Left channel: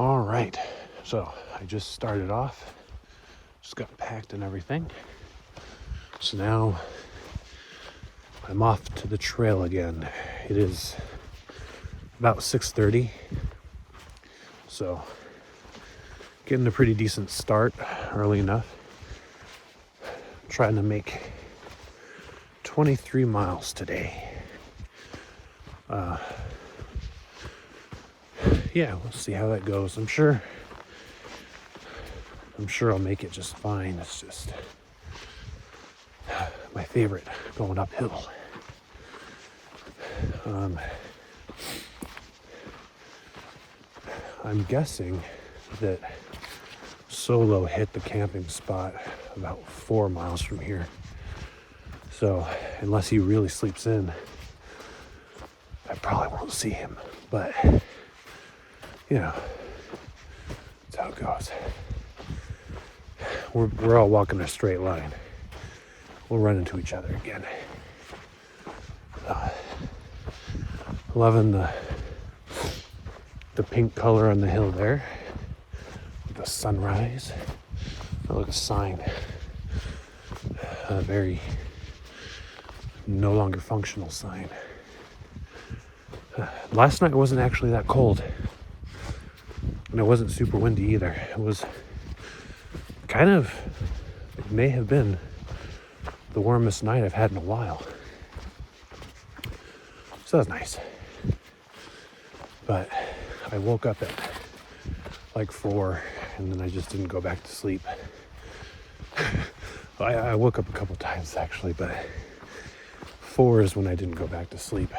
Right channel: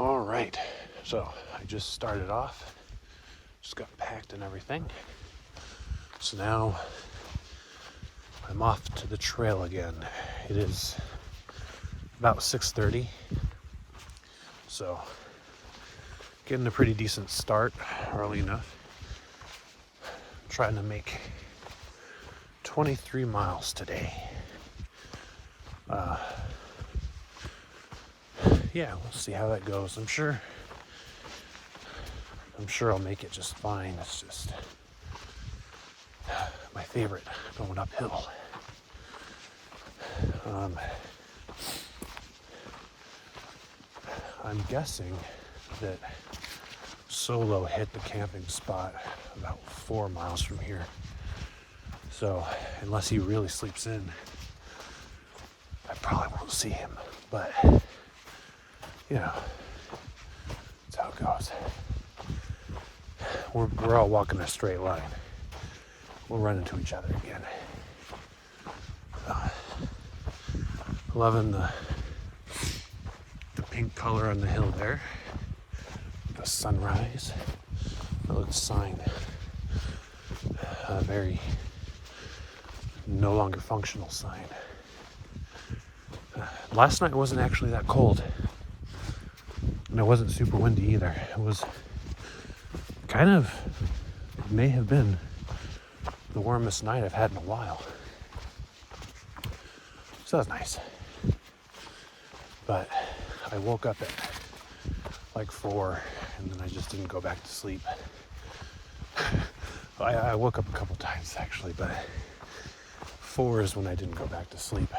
All right, so I just started off, just got packed and everything. So now I'm off to the trail again. It is about 6:30, so getting a pretty decent start early enough. I'm trying to make 23 miles today. Yeah, we'll see how that goes. I'm sure I'll make it just fine. It's just my favorite, going uphill. I'm guessing that Solo hit the camping spot about 4 miles from here. So unless he really sleeps in, I probably won't see him. But you know, that's how it goes. We're all walking a straight line. We'll run into each other again. Loving the pink color on the hill there. The sunrise. Oh, look, a sign. A very no longer functional sign. Last night wasn't actually that cold. And it wasn't super windy either. It was it may have been the warmest night I've had in a while. So that was nice. But I woke up at like 4 and then I just didn't go back to sleep. I woke up a couple times actually, but 4 is when I didn't go back to sleep.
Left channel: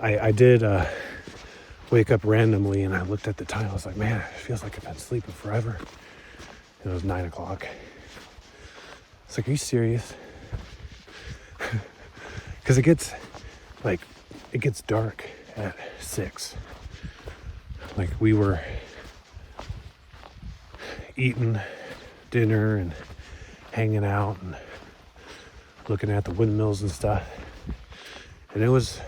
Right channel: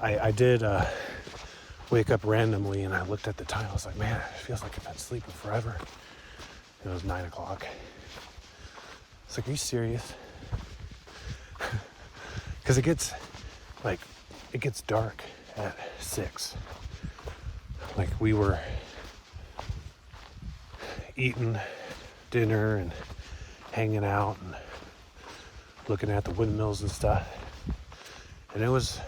I did wake up randomly and I looked at the time. I was like, man, it feels like I've been sleeping forever. It was 9 o'clock. It's like, are you serious? Because it gets dark at 6. Like, we were eating dinner and hanging out and looking at the windmills and stuff. And it was,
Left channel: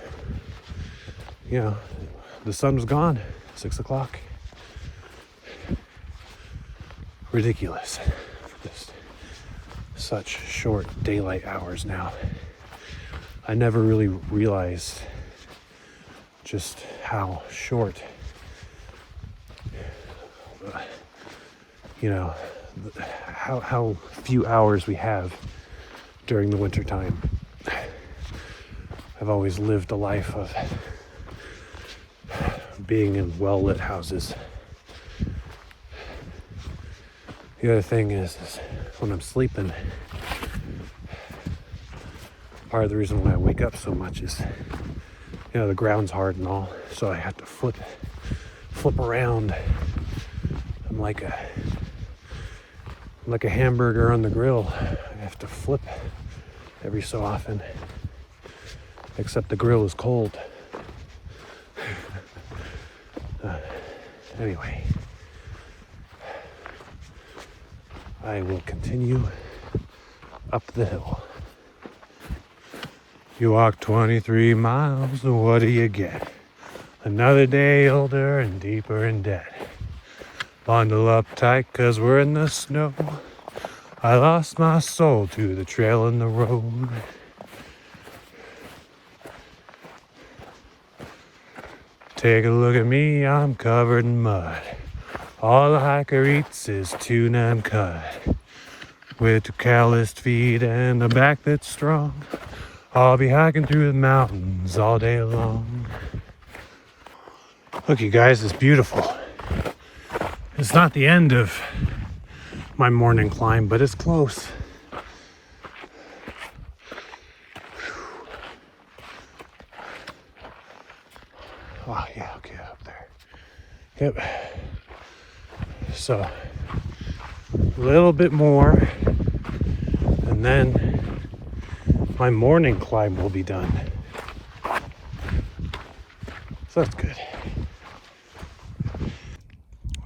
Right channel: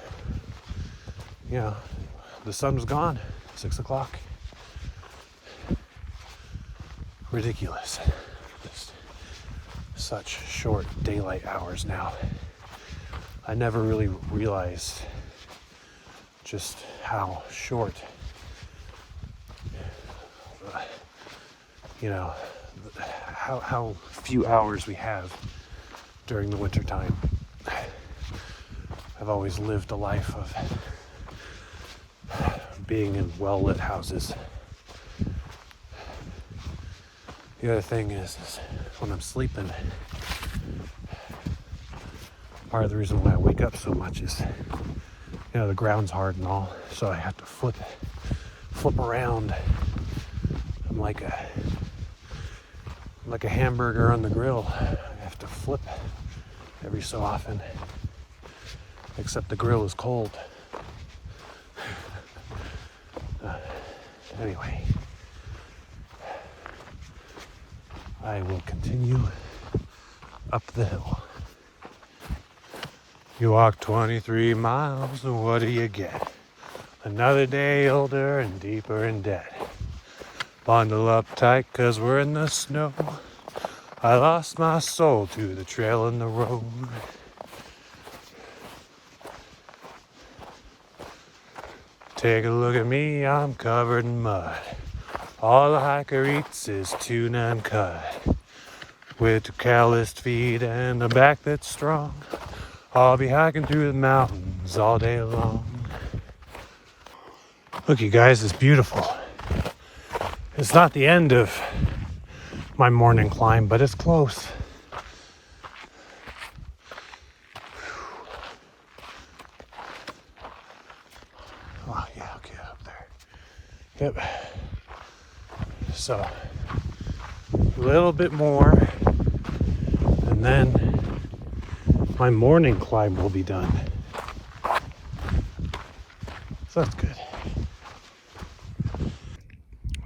the sun was gone, 6 o'clock. Ridiculous. Just such short daylight hours now. I never really realized just how short, how few hours we have during the winter time. I've always lived a life of being in well-lit houses. The other thing is when I'm sleeping, part of the reason why I wake up so much is, the ground's hard and all, so I have to flip around. I'm like a hamburger on the grill. I have to flip every so often, except the grill is cold. Anyway, I will continue up the hill. You walk 23 miles, and what do you get? Another day older and deeper in debt. Bundle up tight, 'cause we're in the snow. I lost my soul to the trail in the road. Take a look at me, I'm covered in mud. All the hiker eats is tuna and cut. With 2 calloused feet and a back that's strong, I'll be hiking through the mountains all day long. Look, you guys, it's beautiful. It's not the end of my morning climb, but it's close. Oh, yeah, okay, up there. Yep. So, a little bit more, and then my morning climb will be done. So that's good.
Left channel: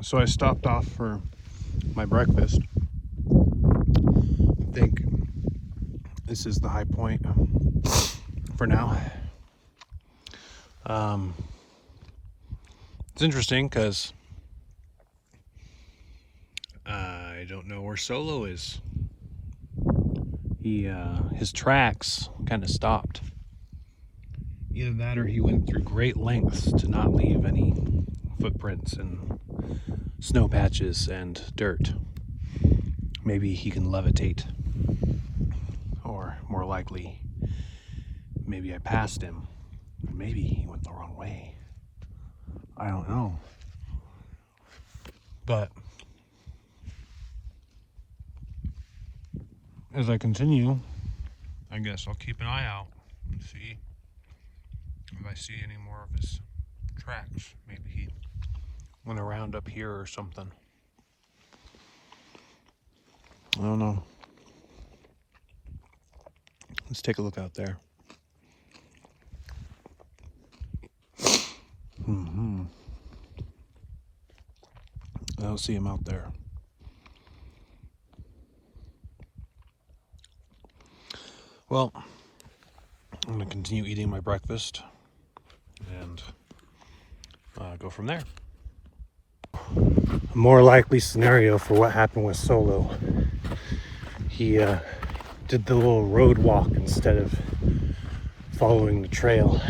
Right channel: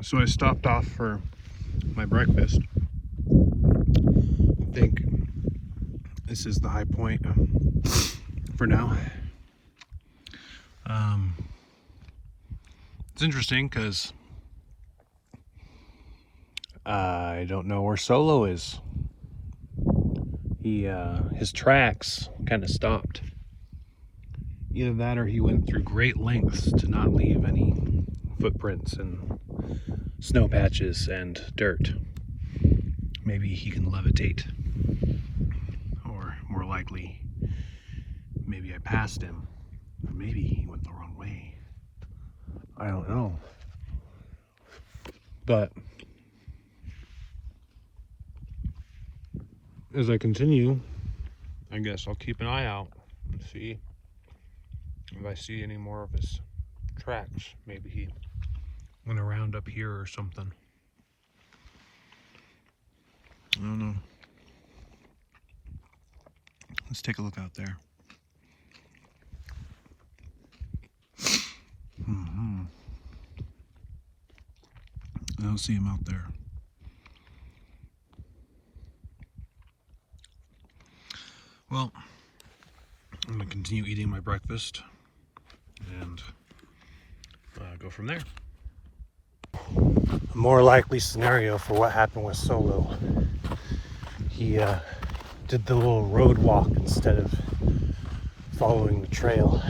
So I stopped off for my breakfast. I think this is the high point for now. It's interesting because I don't know where Solo is. His tracks kind of stopped. Either that or he went through great lengths to not leave any footprints and snow patches and dirt. Maybe he can levitate. Or more likely, maybe I passed him. Or maybe he went the wrong way. I don't know. But as I continue, I guess I'll keep an eye out and see if I see any more of his tracks. Maybe he went around up here or something. I don't know. Let's take a look out there. I don't see him out there. Well, I'm gonna continue eating my breakfast and go from there. A more likely scenario for what happened with Solo. He did the little road walk instead of following the trail.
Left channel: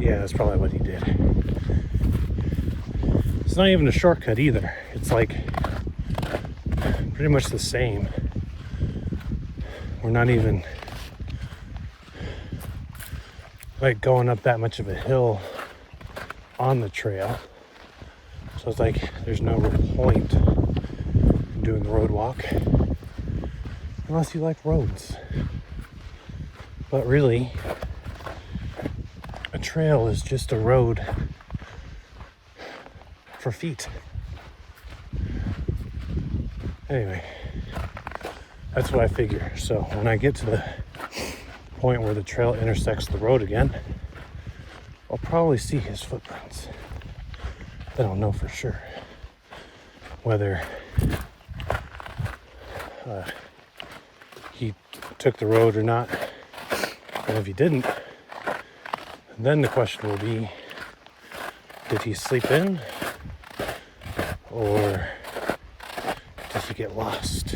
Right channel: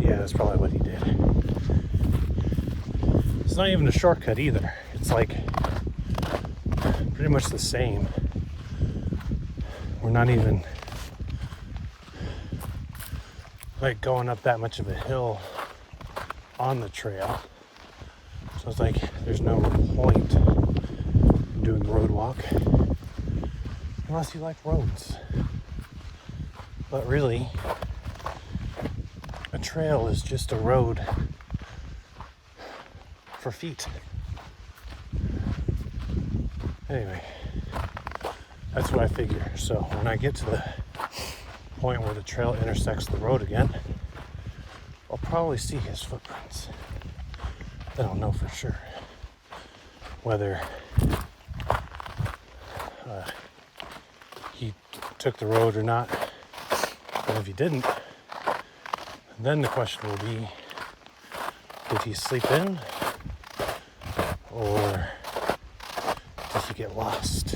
Yeah, that's probably what he did. It's not even a shortcut either. It's like pretty much the same. We're not even like going up that much of a hill on the trail. So it's like there's no point in doing the road walk unless you like roads. But really, a trail is just a road for feet. Anyway, that's what I figure. So when I get to the point where the trail intersects the road again, I'll probably see his footprints. Then I'll know for sure whether he took the road or not. And if he didn't, then the question will be, did he sleep in? Or did he get lost?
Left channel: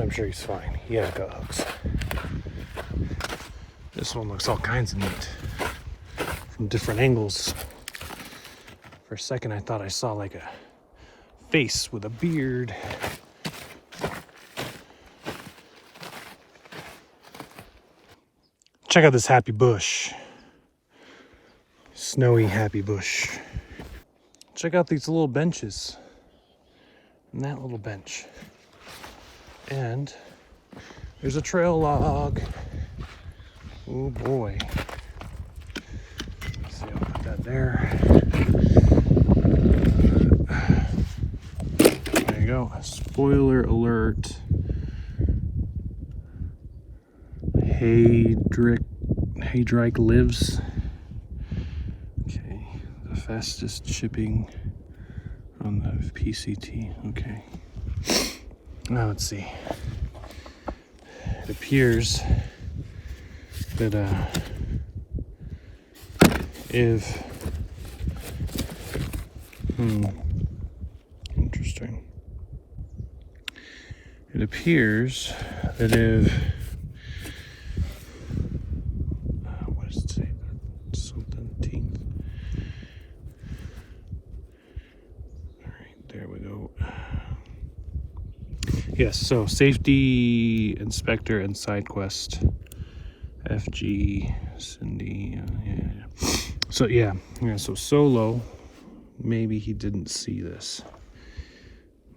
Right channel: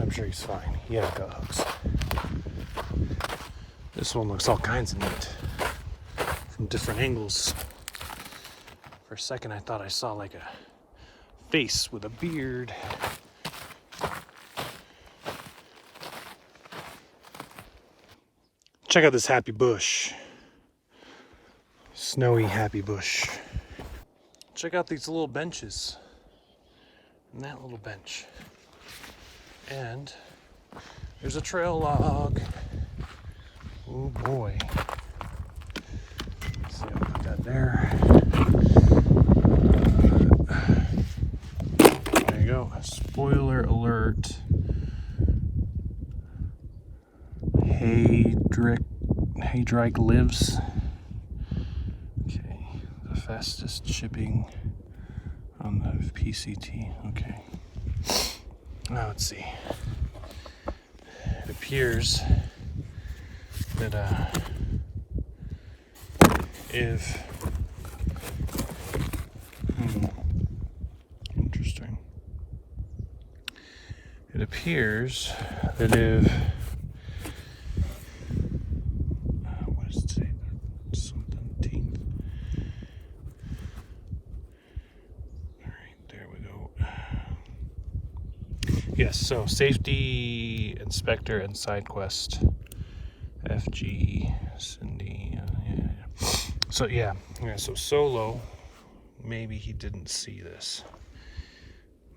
I'm sure he's fine. He has gut hooks. This one looks all kinds of neat from different angles. For a second, I thought I saw like a face with a beard. Check out this happy bush. Snowy happy bush. Check out these little benches. And that little bench. And there's a trail log. Oh boy. So I'll put that there. There you go. Spoiler alert. Hazardous lives. Okay. The fastest shipping on the PCT. Okay. Now let's see. It appears that if interesting. It appears that if what does it say? Something teeth. All right, there we go. Yes, so safety inspector and side quest. FG Cindy. Yeah. So yeah, so Solo, maybe he didn't see this.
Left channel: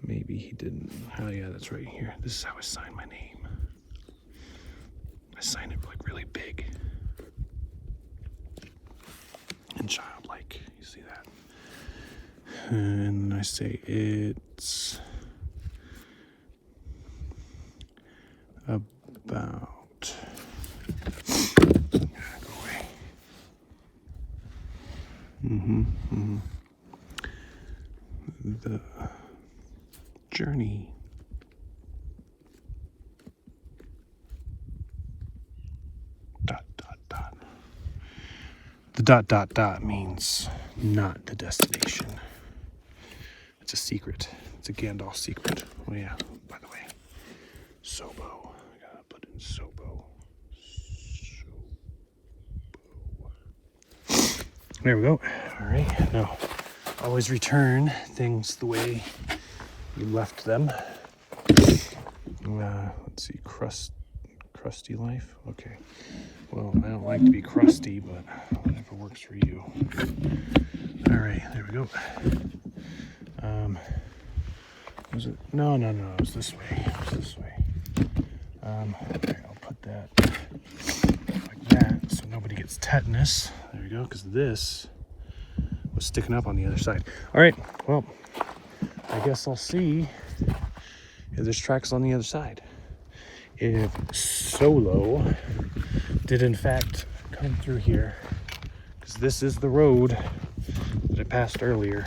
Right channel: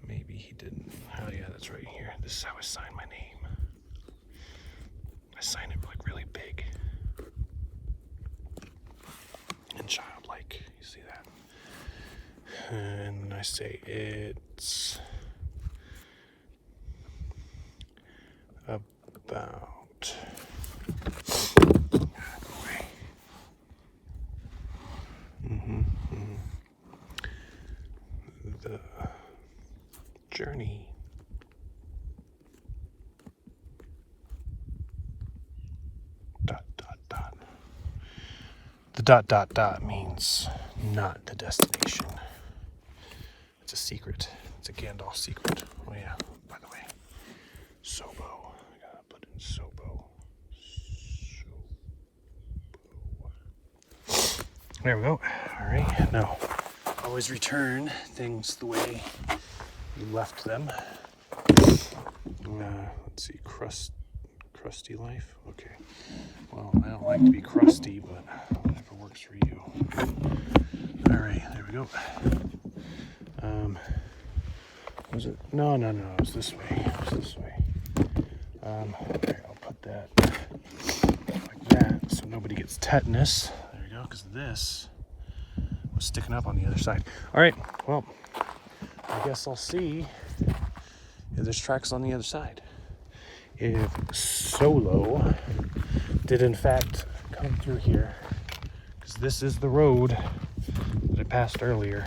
Maybe he didn't. Oh yeah, that's right here. This is how I sign my name. I sign it like really big and childlike. You see that? And I say it's about the journey. dot dot dot means not the destination. It's a secret. It's a Gandalf secret. Oh yeah, by the way. Sobo. I gotta put in Sobo. There we go. Alright, now always return things the way you left them. Let's see, crusty life? Okay. Well, I don't like to be crusty, but whatever works for you. Alright, there we go. Was it? No, it was this way. I'll put that like that so nobody gets tetanus. There you go, because this was sticking up on the other side. Alright, well, I guess I'll see if there's tracks on the other side. If Solo did in fact come through here, because this is the road that I passed earlier.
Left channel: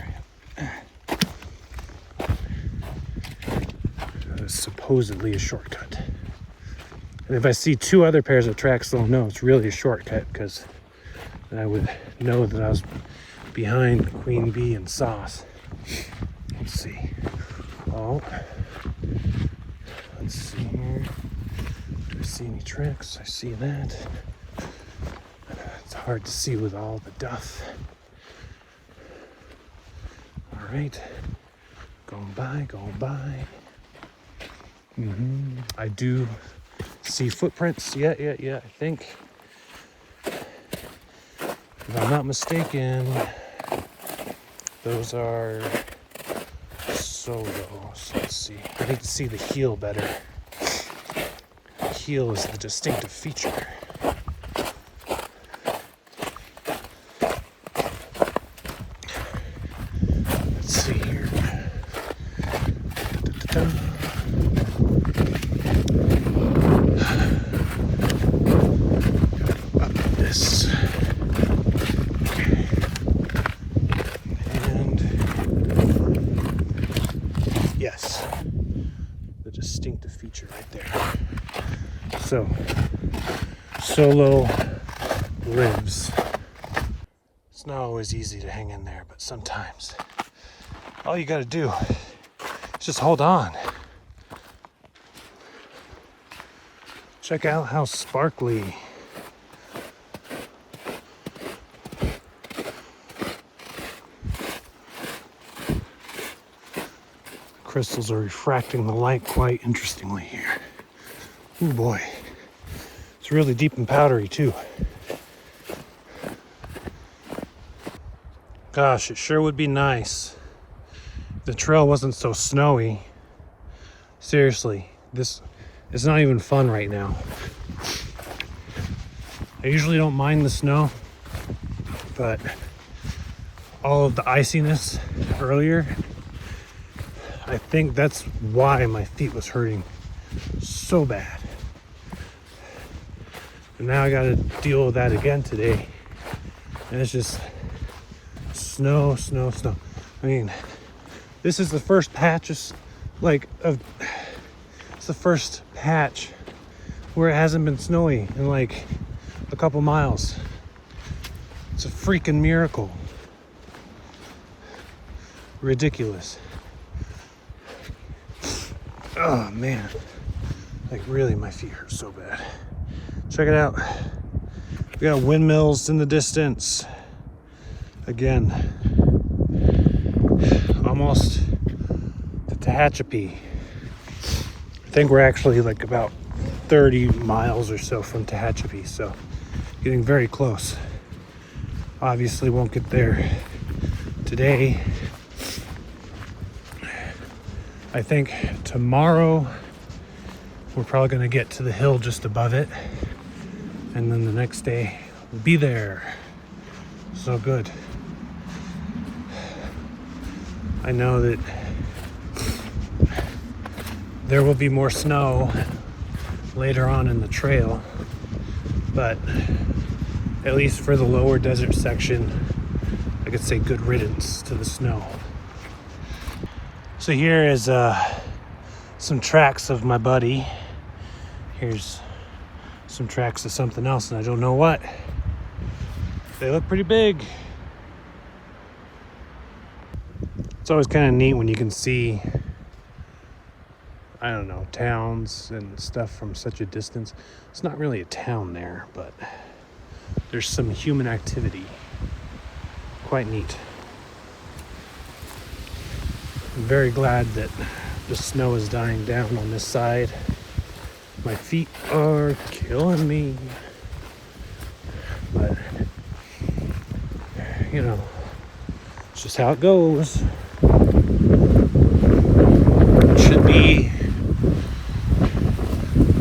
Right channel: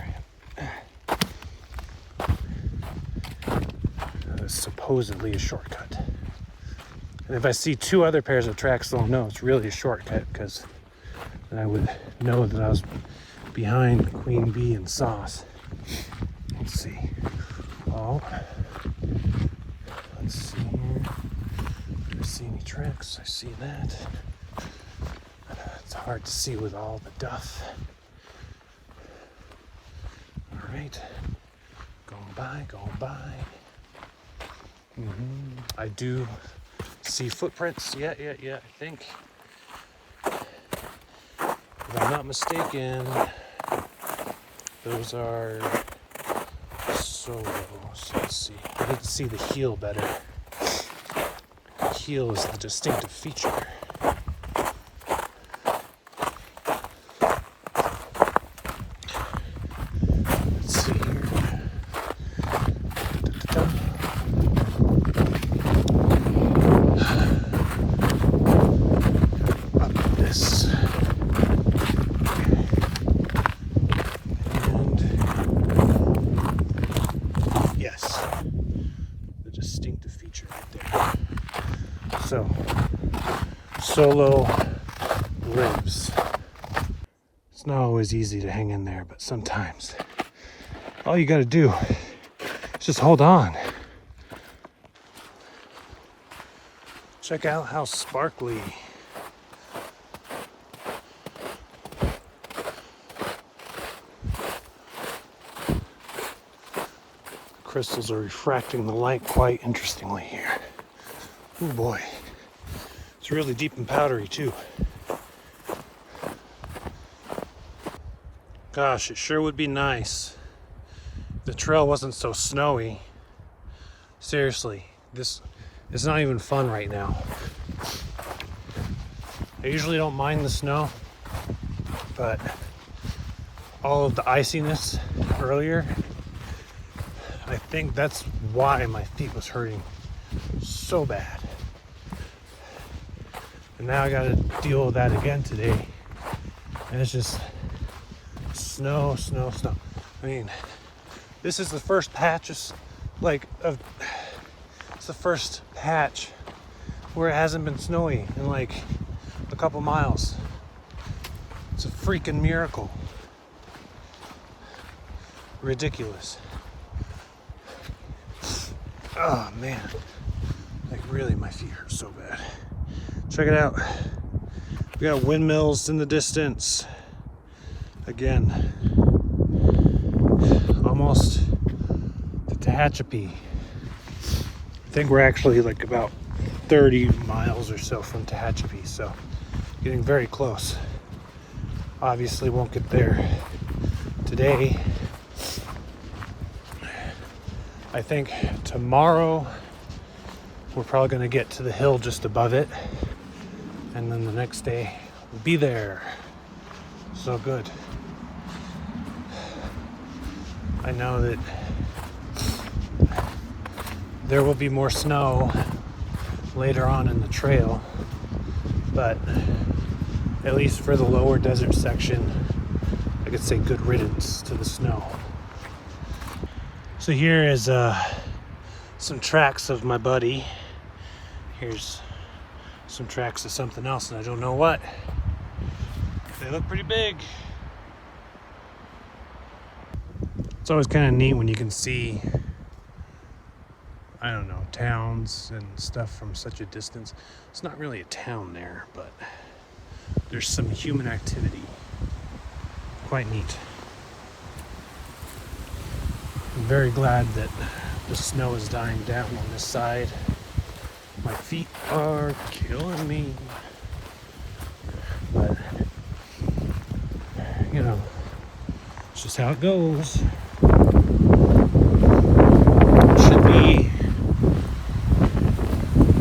That is supposedly a shortcut. And if I see two other pairs of tracks, I'll know it's really a shortcut, because then I would know that I was behind Queen Bee and Sauce. Let's see. Oh. Let's see here. Do I see any tracks? I see that. It's hard to see with all the duff. Alright. Going by. I do see footprints. Yeah. I think, if I'm not mistaken, those are Solo. So let's see. I need to see the heel better. The heel is the distinctive feature. Let's see here. Up this. And yes, the distinctive feature right there. So, Solo ribs. It's not always easy to hang in there, but sometimes all you gotta do is just hold on. Check out how sparkly crystals are refracting the light quite interestingly here. Oh boy, it's really deep and powdery too. Gosh, it sure would be nice if the trail wasn't so snowy. Seriously, this is not even fun right now. I usually don't mind the snow, but all of the iciness earlier, I think that's why my feet was hurting so bad. And now I gotta deal with that again today. And it's just snow. I mean, this is the first patch, it's the first patch where it hasn't been snowy in like a couple miles. It's a freaking miracle. Ridiculous. Oh man, like really my feet hurt so bad. Check it out. We got windmills in the distance. Again, almost to Tehachapi. I think we're actually like about 30 miles or so from Tehachapi, so getting very close. Obviously won't get there today. I think tomorrow we're probably going to get to the hill just above it, and then the next day we'll be there. So good. I know that there will be more snow later on in the trail, but at least for the lower desert section, I could say good riddance to the snow. So here is some tracks of my buddy. Here's some tracks of something else, and I don't know what. They look pretty big. It's always kind of neat when you can see, I don't know, towns and stuff from such a distance. It's not really a town there, but there's some human activity. Quite neat. I'm very glad that the snow is dying down on this side. My feet are killing me. But, you know, it's just how it goes. It should be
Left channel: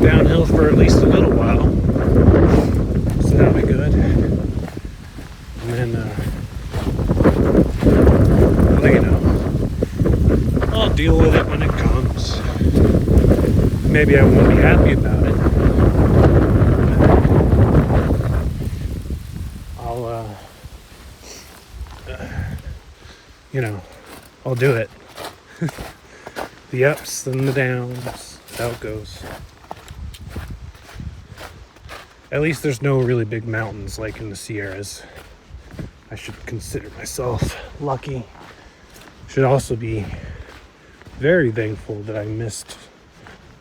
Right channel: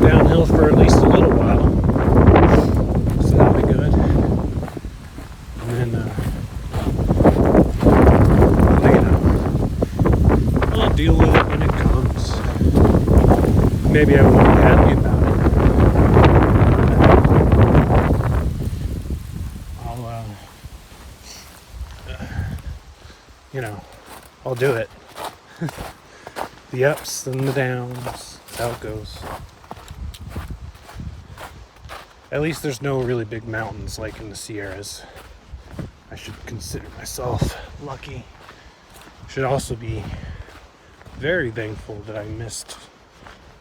downhill for at least a little while. So that'll be good. And then, well, you know, I'll deal with it when it comes. Maybe I won't be happy about it. I'll, you know, I'll do it. The ups and the downs, that's how it goes. At least there's no really big mountains like in the Sierras. I should consider myself lucky. Should also be very thankful that I missed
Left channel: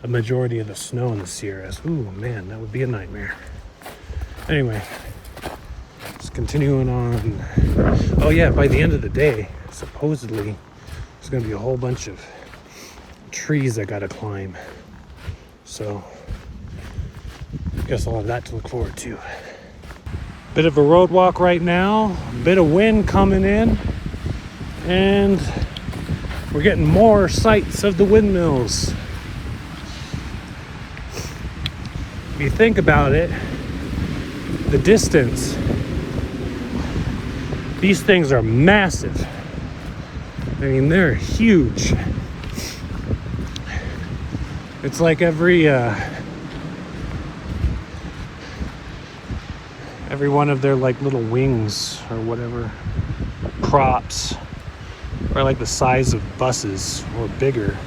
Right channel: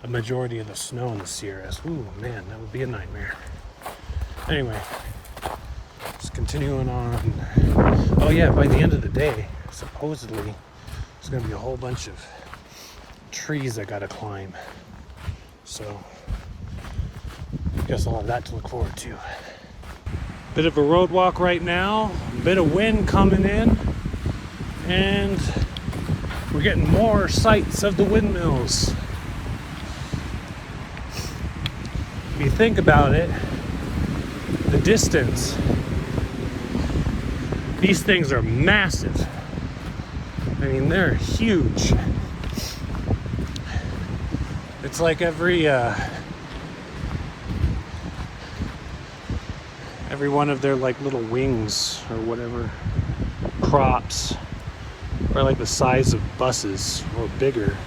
a majority of the snow in the Sierras. Ooh, man, that would be a nightmare. Anyway, just continuing on. Oh yeah, by the end of the day, supposedly, there's gonna be a whole bunch of trees I gotta climb. So, I guess I'll have that to look forward to. Bit of a road walk right now, a bit of wind coming in, and we're getting more sights of the windmills. If you think about it, the distance, these things are massive. I mean, they're huge. It's like every one of their like little wings or whatever, props, are like the size of buses or bigger.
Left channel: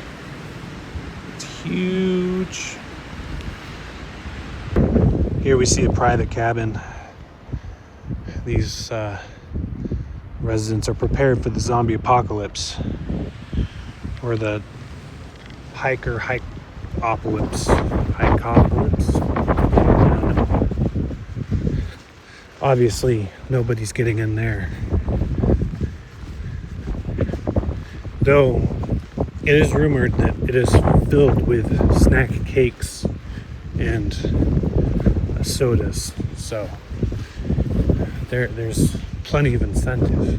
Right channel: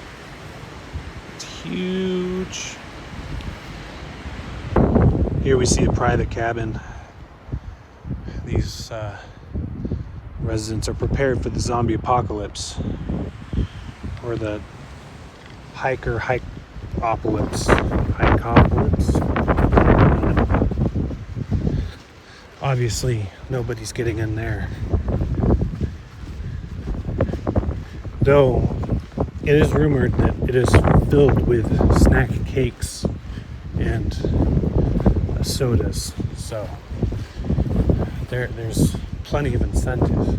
It's huge. Here we see a private cabin. These residents are prepared for the zombie apocalypse, or the hike-apocalypse. Obviously, nobody's getting in there. Though, it is rumored that it is filled with snack cakes and sodas. So, there's plenty of incentive.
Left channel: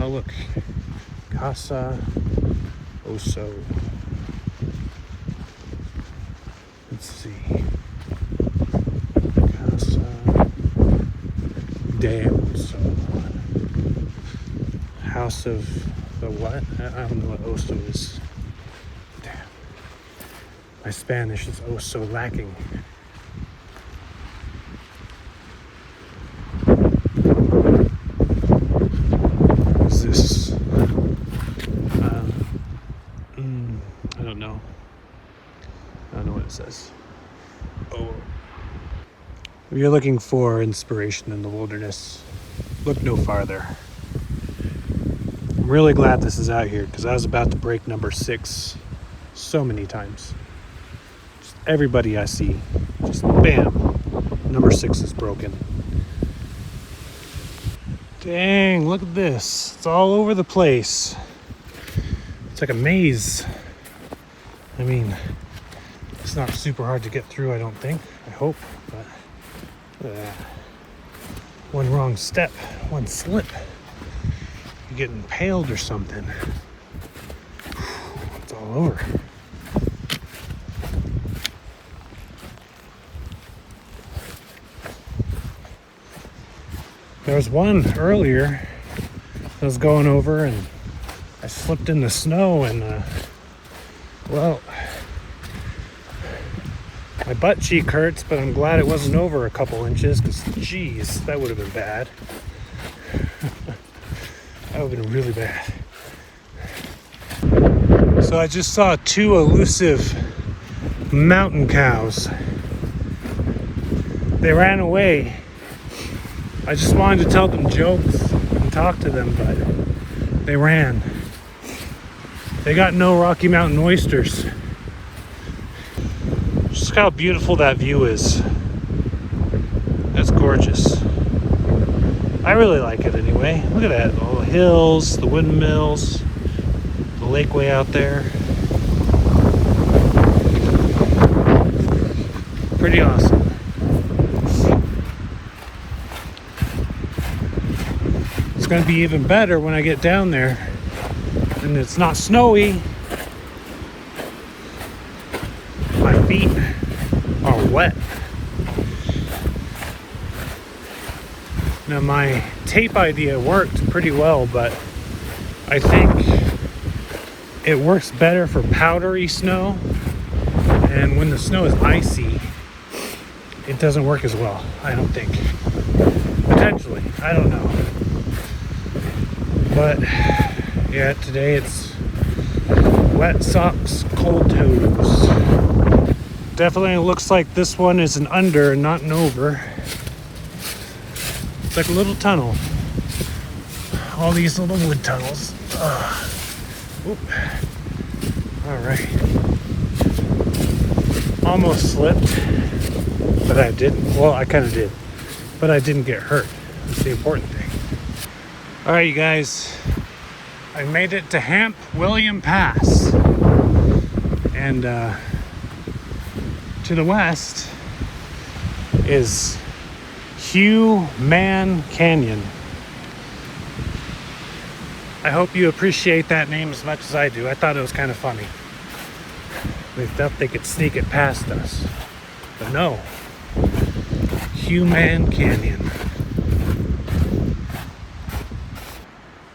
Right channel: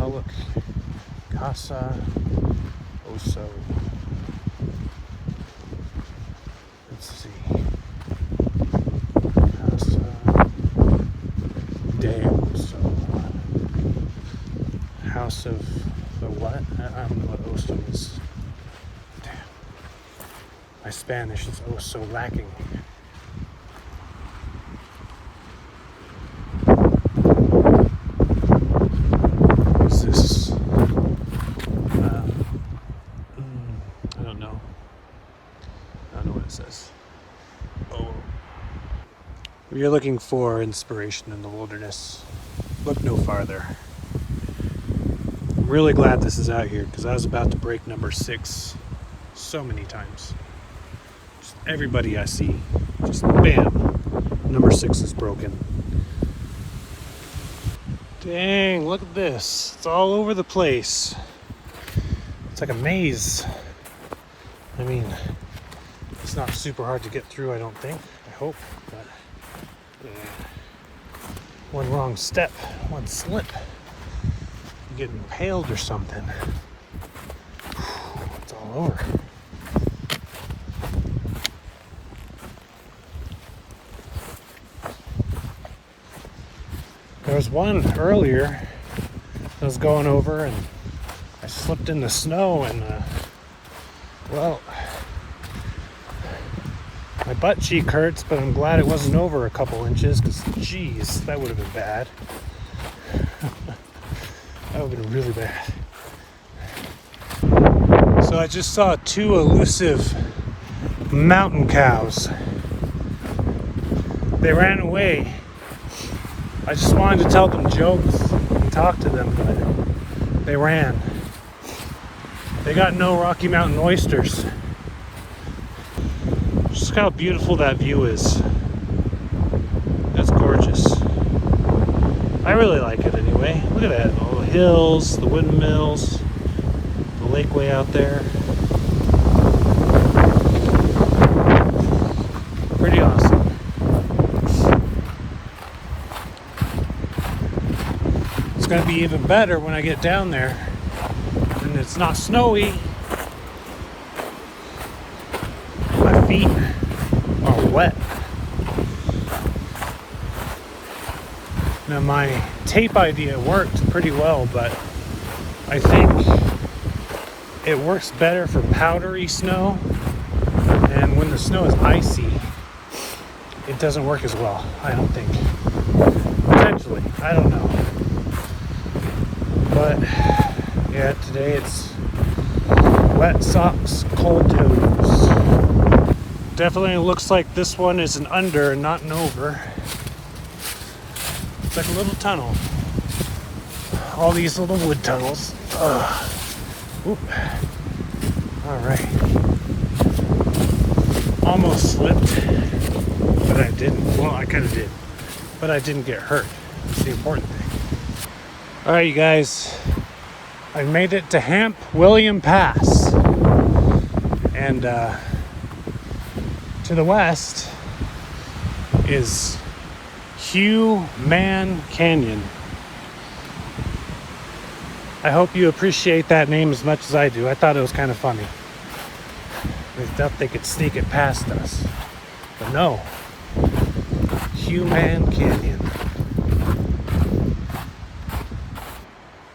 Oh look, Casa Oso. Let's see. Casa de Oso. House of the what? I don't know what Oso is. Damn. My Spanish is oh so lacking. Says. Oh. If you're looking for inspiration in the wilderness, look no farther. I'm really glad this is out here because I was about to break number 6 so many times. Just everybody I see, just bam, number 6 is broken. Dang, look at this. It's all over the place. It's like a maze. I mean, it's not super hard to get through, I don't think. I hope. But one wrong step, one slip, you get impaled or something. It's all over. There was one earlier I was going over and I slipped in the snow and, well, my butt cheek hurts, but I'm glad it wasn't over a couple inches, because, geez, that would have been bad. That would have been really bad. So I just saw 2 elusive mountain cows. They ran away I just wanted to tell them jokes and talk to them, but they ran. They got no Rocky Mountain oysters. Just look how beautiful that view is. That's gorgeous. I really like it anyway. Look at that, all the hills, the windmills, the lake way out there. Pretty awesome. It's gonna be even better when I get down there and it's not snowy. My feet are wet. Now my tape idea worked pretty well, but I think it works better for powdery snow, and when the snow is icy, it doesn't work as well, I don't think. Potentially, I don't know. But yeah, today it's wet socks, cold toes. Definitely looks like this one is an under and not an over. It's like a little tunnel. All these little wood tunnels. Oop. All right. Almost slipped, but I didn't. Well, I kind of did, but I didn't get hurt. That's the important thing. All right, you guys. I made it to Hamp William Pass, and to the west is Hugh Man Canyon. I hope you appreciate that name as much as I do. I thought it was kind of funny. They thought they could sneak it past us, but no. Hugh Man Canyon.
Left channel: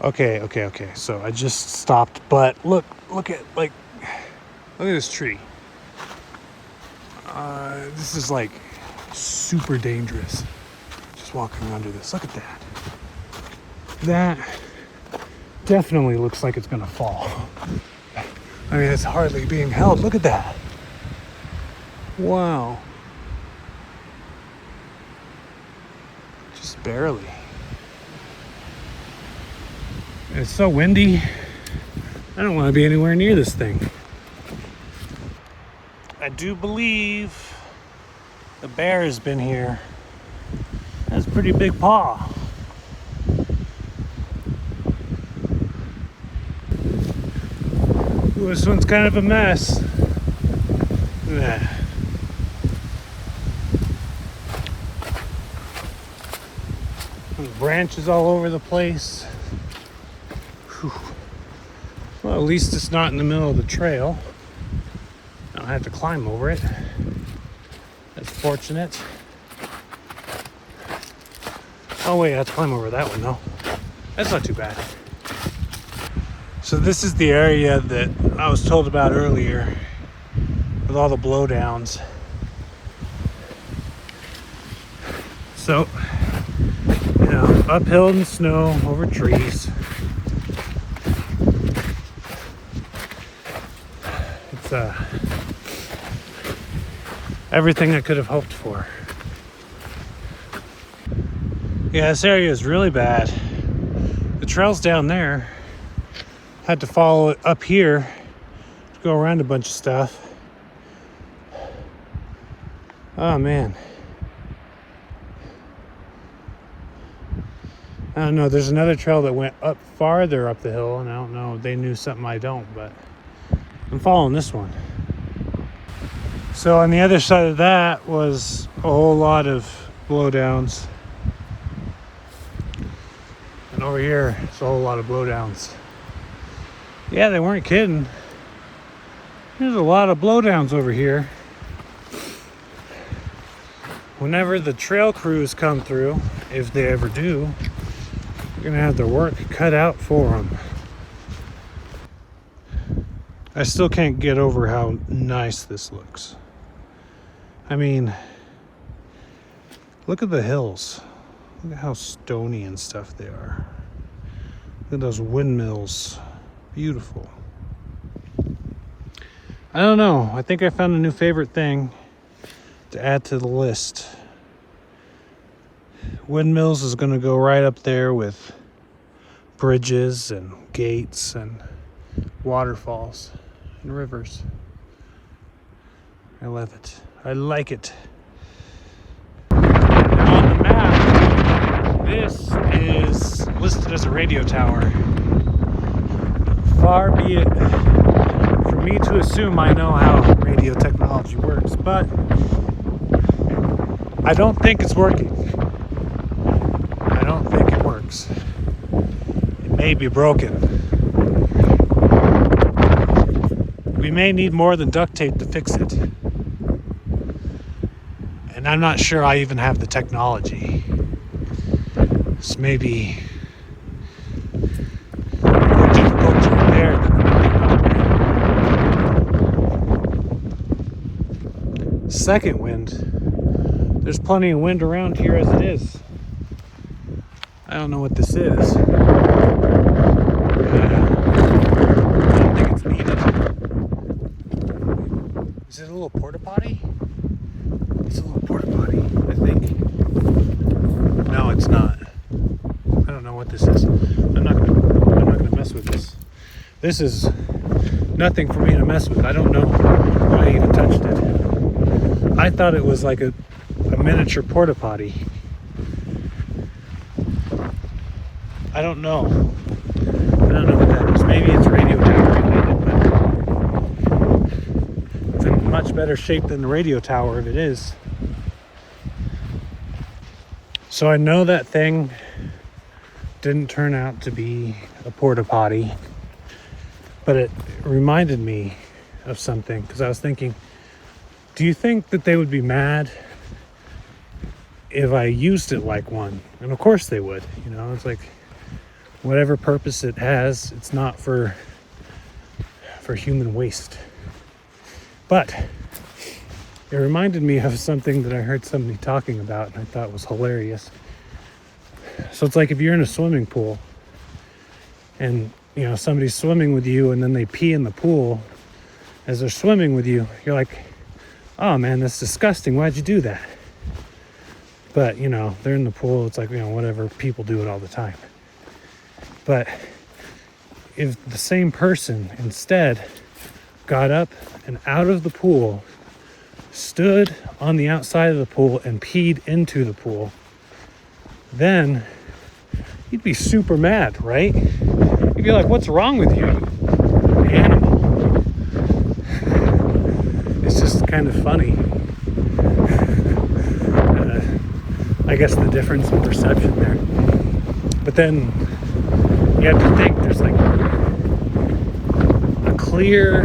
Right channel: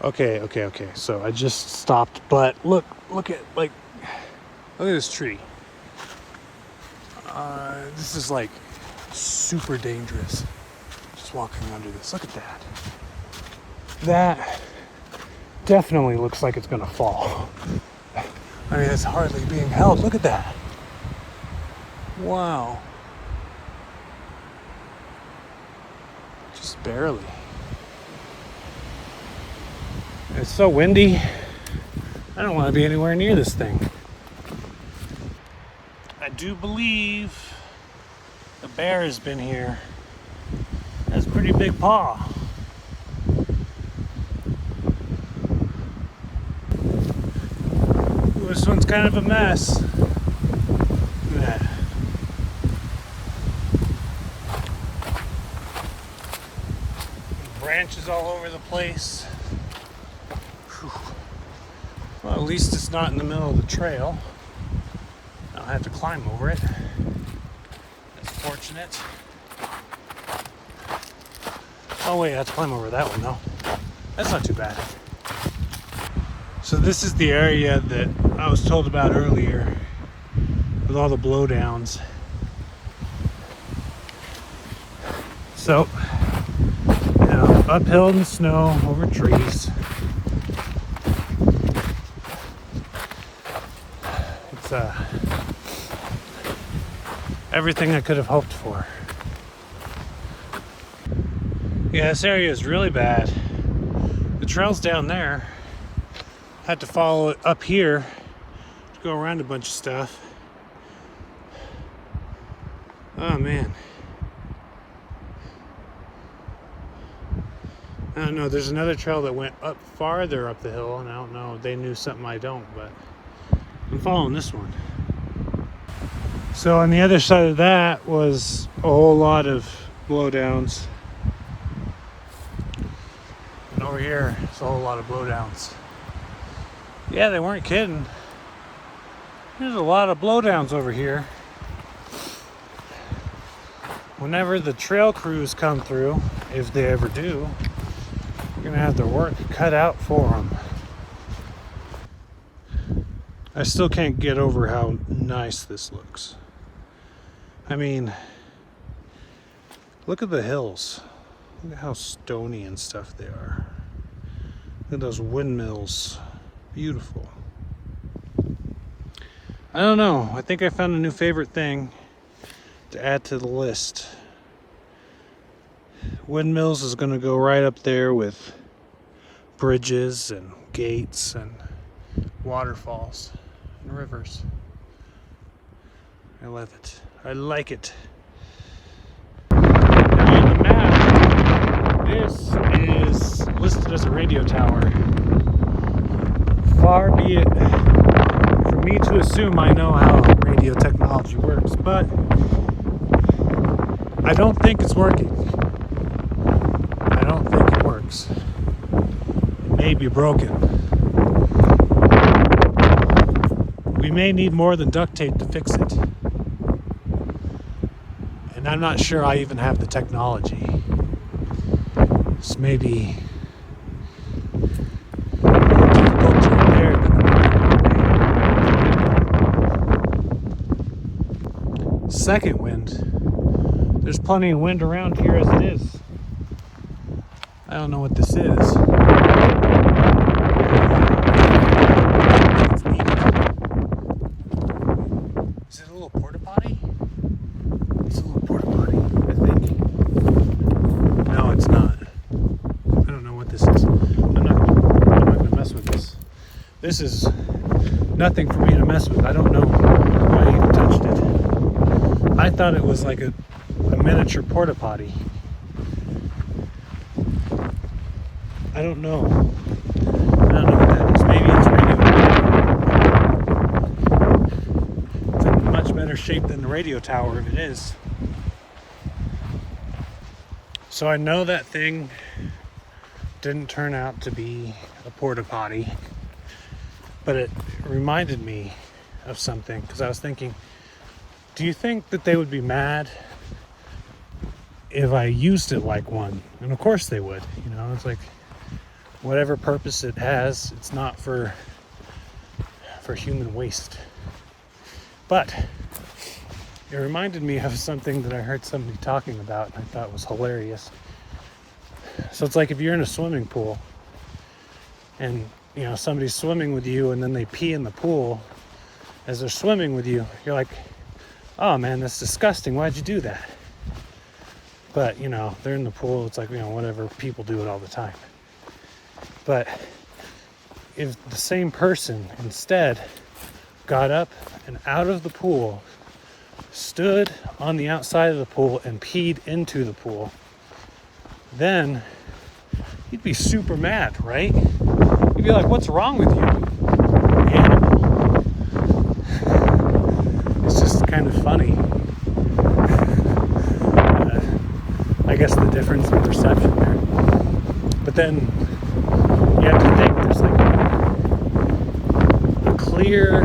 Okay. So I just stopped, but look at this tree. This is like super dangerous. Just walking under this. Look at that. That definitely looks like it's gonna fall. I mean, it's hardly being held. Look at that. Wow. Just barely. It's so windy. I don't want to be anywhere near this thing. I do believe the bear has been here. That's a pretty big paw. Ooh, this one's kind of a mess. Look at that. There's branches all over the place. Whew. Well, at least it's not in the middle of the trail. I don't have to climb over it. That's fortunate. Oh wait, I have to climb over that one though. That's not too bad. So this is the area that I was told about earlier with all the blowdowns. So, you know, uphill in the snow, over trees. It's everything I could have hoped for. Yeah, this area is really bad. The trail's down there. Had to follow it up here to go around a bunch of stuff. Oh man. I don't know, there's another trail that went up farther up the hill, and I don't know if they knew something I don't, but I'm following this one. So on the other side of that was a whole lot of blowdowns. And over here, it's a whole lot of blowdowns. Yeah, they weren't kidding. There's a lot of blowdowns over here. Whenever the trail crews come through, if they ever do, they're gonna have their work cut out for them. I still can't get over how nice this looks. I mean, look at the hills. Look at how stony and stuff they are. Look at those windmills. Beautiful. I don't know. I think I found a new favorite thing to add to the list. Windmills is going to go right up there with bridges and gates and waterfalls and rivers. I love it. I like it. Now on the map, this is listed as a radio tower. Far be it for me to assume I know how radio technology works, but I don't think it's working. I don't think it works. It may be broken. We may need more than duct tape to fix it. And I'm not sure I even have the technology. This may be more difficult to repair than the second wind. There's plenty of wind around here as it is. I don't know what this is. Is it a little porta potty? It's a little porta potty, I think. No, it's not. I don't know what this is. I'm not gonna mess with this. This is nothing for me to mess with. I don't know why I even touched it. I thought it was like a miniature porta potty. I don't know. I don't know what that is. Maybe it's radio. It's in much better shape than the radio tower if it is. So I know that thing didn't turn out to be a porta potty, but it reminded me of something, because I was thinking, do you think that they would be mad if I used it like one? And of course they would. You know, it's like, whatever purpose it has, it's not for human waste. But it reminded me of something that I heard somebody talking about and I thought was hilarious. So it's like if you're in a swimming pool and you know somebody's swimming with you and then they pee in the pool as they're swimming with you, you're like, oh man, that's disgusting, why'd you do that? But you know, they're in the pool, it's like, you know, whatever, people do it all the time. But if the same person instead got up and out of the pool, stood on the outside of the pool and peed into the pool, then you'd be super mad, right? You'd be like, what's wrong with you, man? It's just kind of funny. I guess the difference in perception there. But then you have to think there's like a clear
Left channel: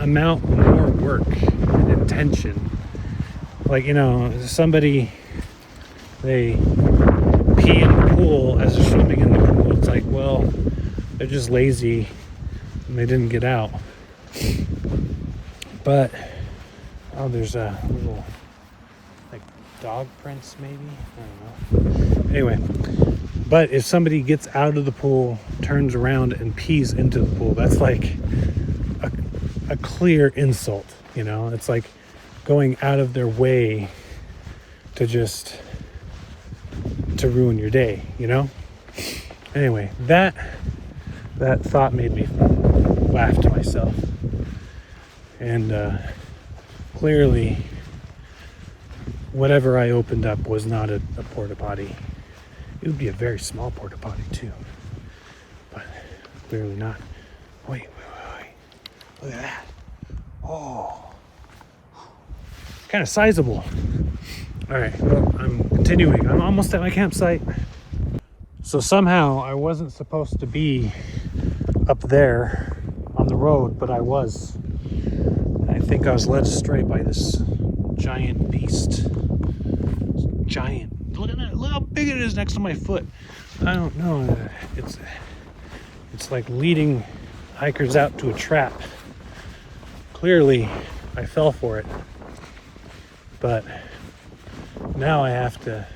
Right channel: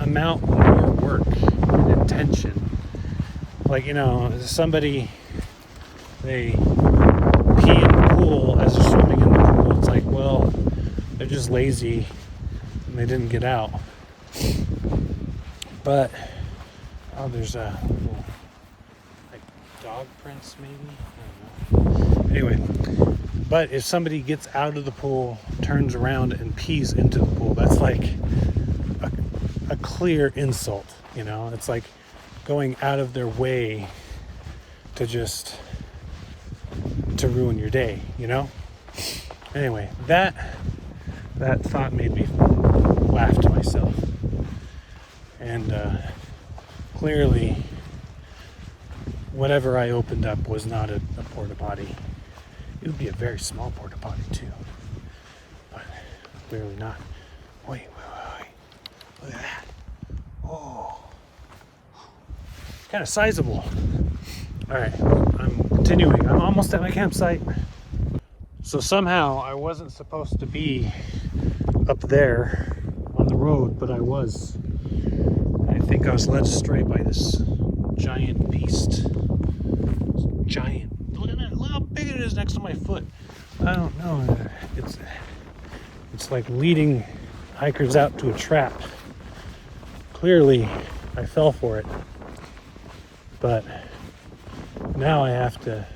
amount more work and intention. Like, you know, somebody, they pee in the pool as they're swimming in the pool. It's like, well, they're just lazy and they didn't get out. But, oh, there's a little, like, dog prints maybe? I don't know. Anyway. But if somebody gets out of the pool, turns around and pees into the pool, that's like a clear insult, you know? It's like going out of their way to ruin your day, you know? Anyway, that thought made me laugh to myself. And clearly, whatever I opened up was not a porta potty. It would be a very small porta potty too, but clearly not. Wait, look at that. Oh, kind of sizable. All right, well, I'm continuing. I'm almost at my campsite. So somehow I wasn't supposed to be up there on the road, but I was. I think I was led astray by this giant beast. Giant. Look at that, look how big it is next to my foot. I don't know. It's like leading hikers out to a trap. Clearly, I fell for it. But now I have to...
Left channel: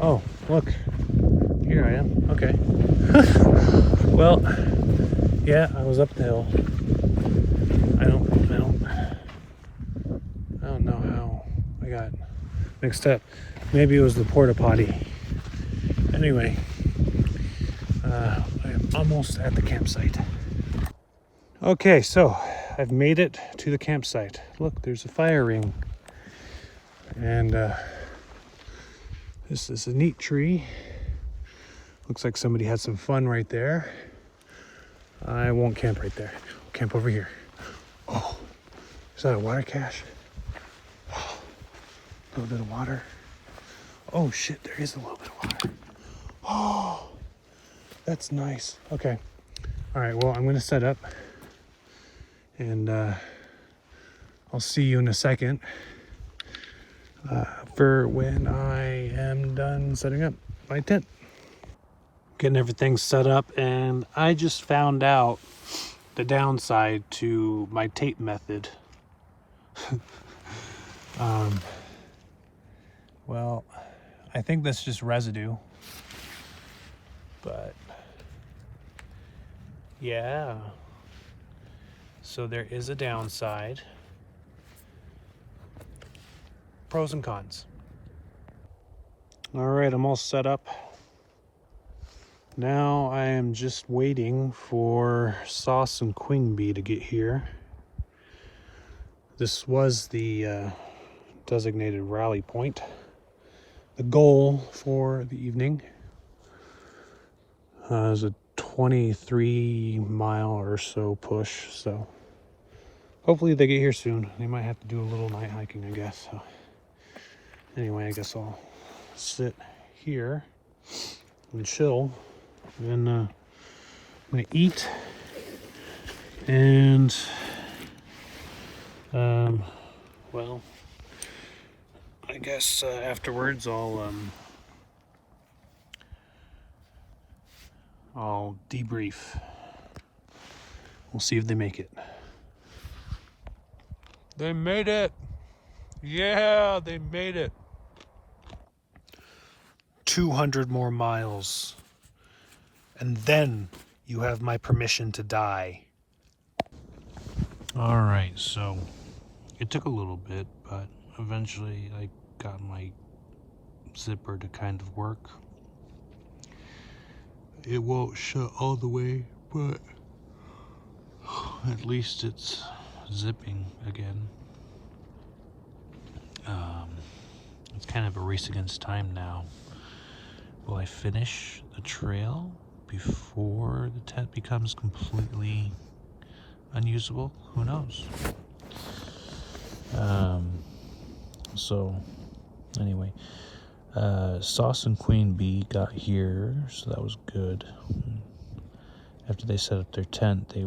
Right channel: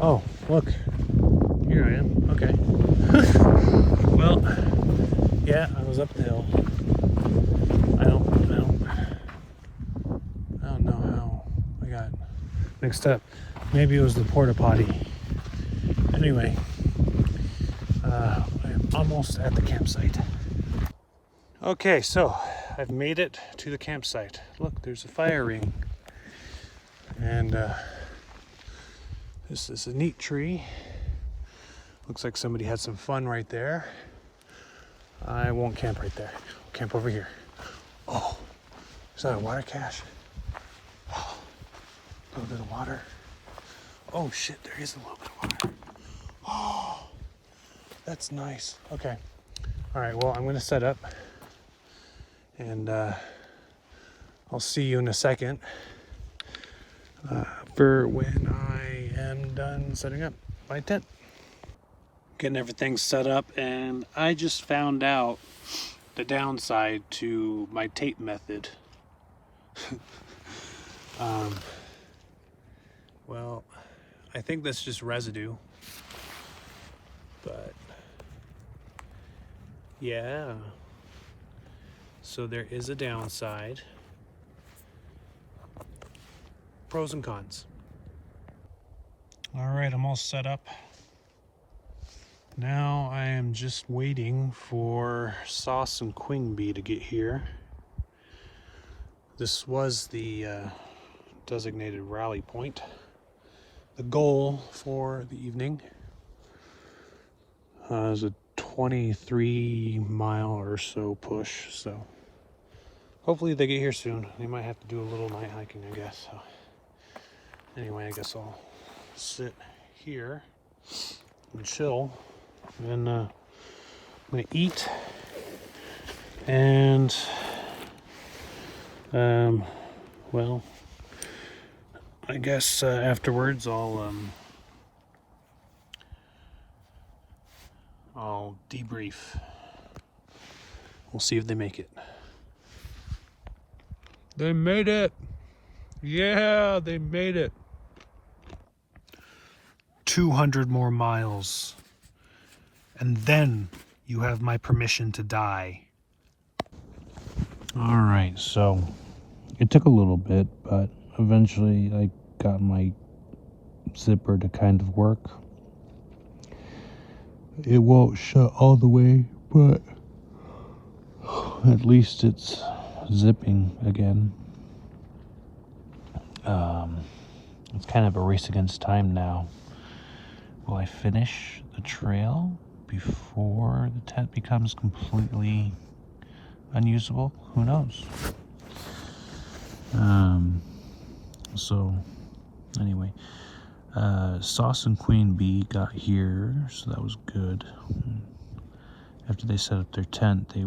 Oh, look. Here I am. Okay. Well, yeah, I was up the hill. I don't know how I got mixed up. Maybe it was the porta potty. Anyway, I'm almost at the campsite. Okay, so I've made it to the campsite. Look, there's a fire ring. And this is a neat tree. Looks like somebody had some fun right there. I won't camp right there. I'll camp over here. Oh, is that a water cache? Oh, a little bit of water. Oh shit, there is a little bit of water. Oh, that's nice. Okay. All right, well, I'm gonna set up and I'll see you in a second for when I am done setting up my tent. Getting everything set up, and I just found out the downside to my tape method. Well, I think that's just residue, but yeah, so there is a downside. Pros and cons. All right, I'm all set up. Now I am just waiting for Sauce and Queen Bee to get here. This was the designated rally point. The goal for the evening is a 23-mile or so push, so hopefully they get here soon. They might have to do a little night hiking, I guess. So anyway, I guess I'll sit here and chill, and I'm gonna eat, and well, I guess afterwards I'll debrief. We'll see if they make it. They made it! Yeah, they made it! 200 more miles. And then you have my permission to die. All right, so it took a little bit, but eventually I got my zipper to kind of work. It won't shut all the way, but at least it's zipping again. It's kind of a race against time now. Will I finish the trail before the tent becomes completely unusable? Who knows? So anyway, Sauce and Queen Bee got here, so that was good. After they set up their tent, they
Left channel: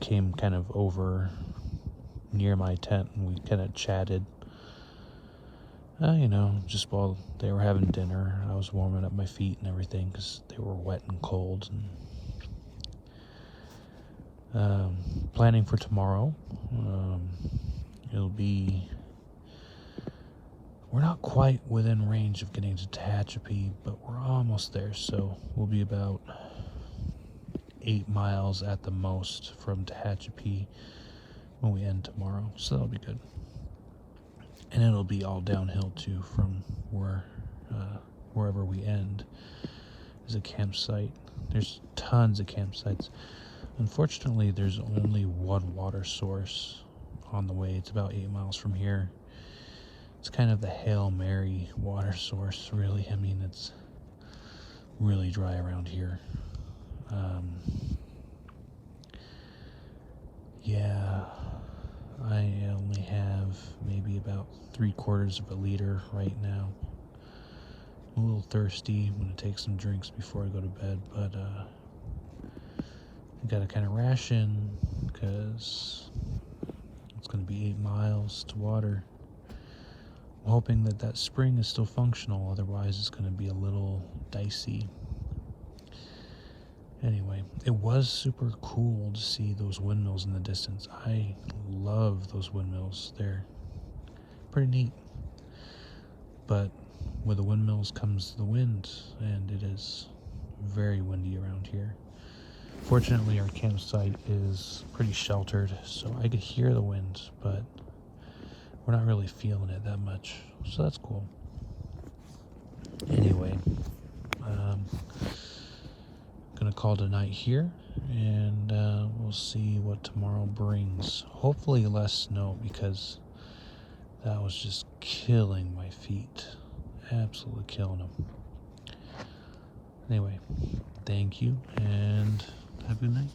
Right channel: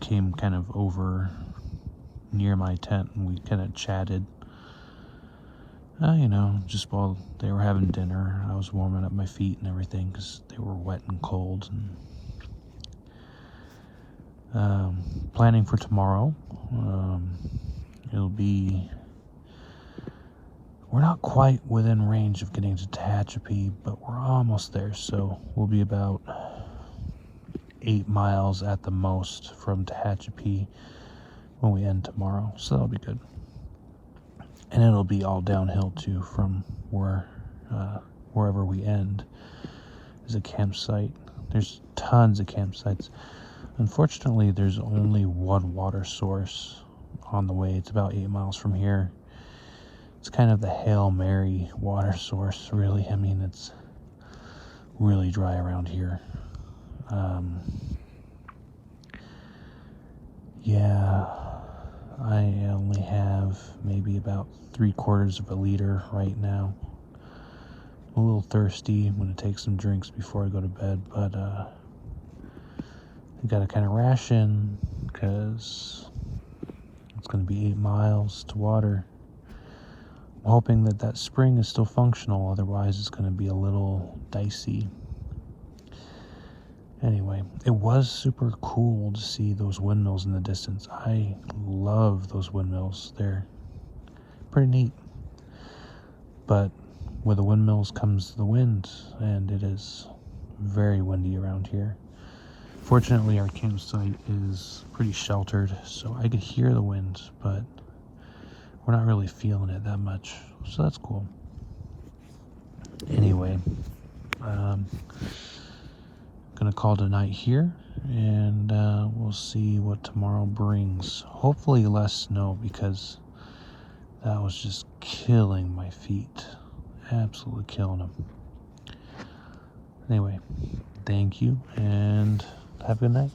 came kind of over near my tent, and we kind of chatted. Just while they were having dinner, I was warming up my feet and everything because they were wet and cold. And planning for tomorrow. We're not quite within range of getting to Tehachapi, but we're almost there. So we'll be about 8 miles at the most from Tehachapi when we end tomorrow. So that'll be good. And it'll be all downhill too from wherever we end is a campsite. There's tons of campsites. Unfortunately, there's only one water source on the way. It's about 8 miles from here. It's kind of the Hail Mary water source, really. I mean, it's really dry around here. Yeah, I only have maybe about 3/4 of a liter right now. I'm a little thirsty. I'm going to take some drinks before I go to bed, but I got to kind of ration because it's going to be 8 miles to water. I'm hoping that spring is still functional, otherwise it's going to be a little dicey. Anyway, it was super cool to see those windmills in the distance. I love those windmills. They're pretty neat. But with the windmills comes the wind, and it is very windy around here. Fortunately, our campsite is pretty sheltered, so I could hear the wind, but we're not really feeling it that much, so that's cool. Anyway, gonna call tonight here, and we'll see what tomorrow brings. Hopefully less snow, because that was just killing my feet, absolutely killing them. Anyway, thank you and have a good night.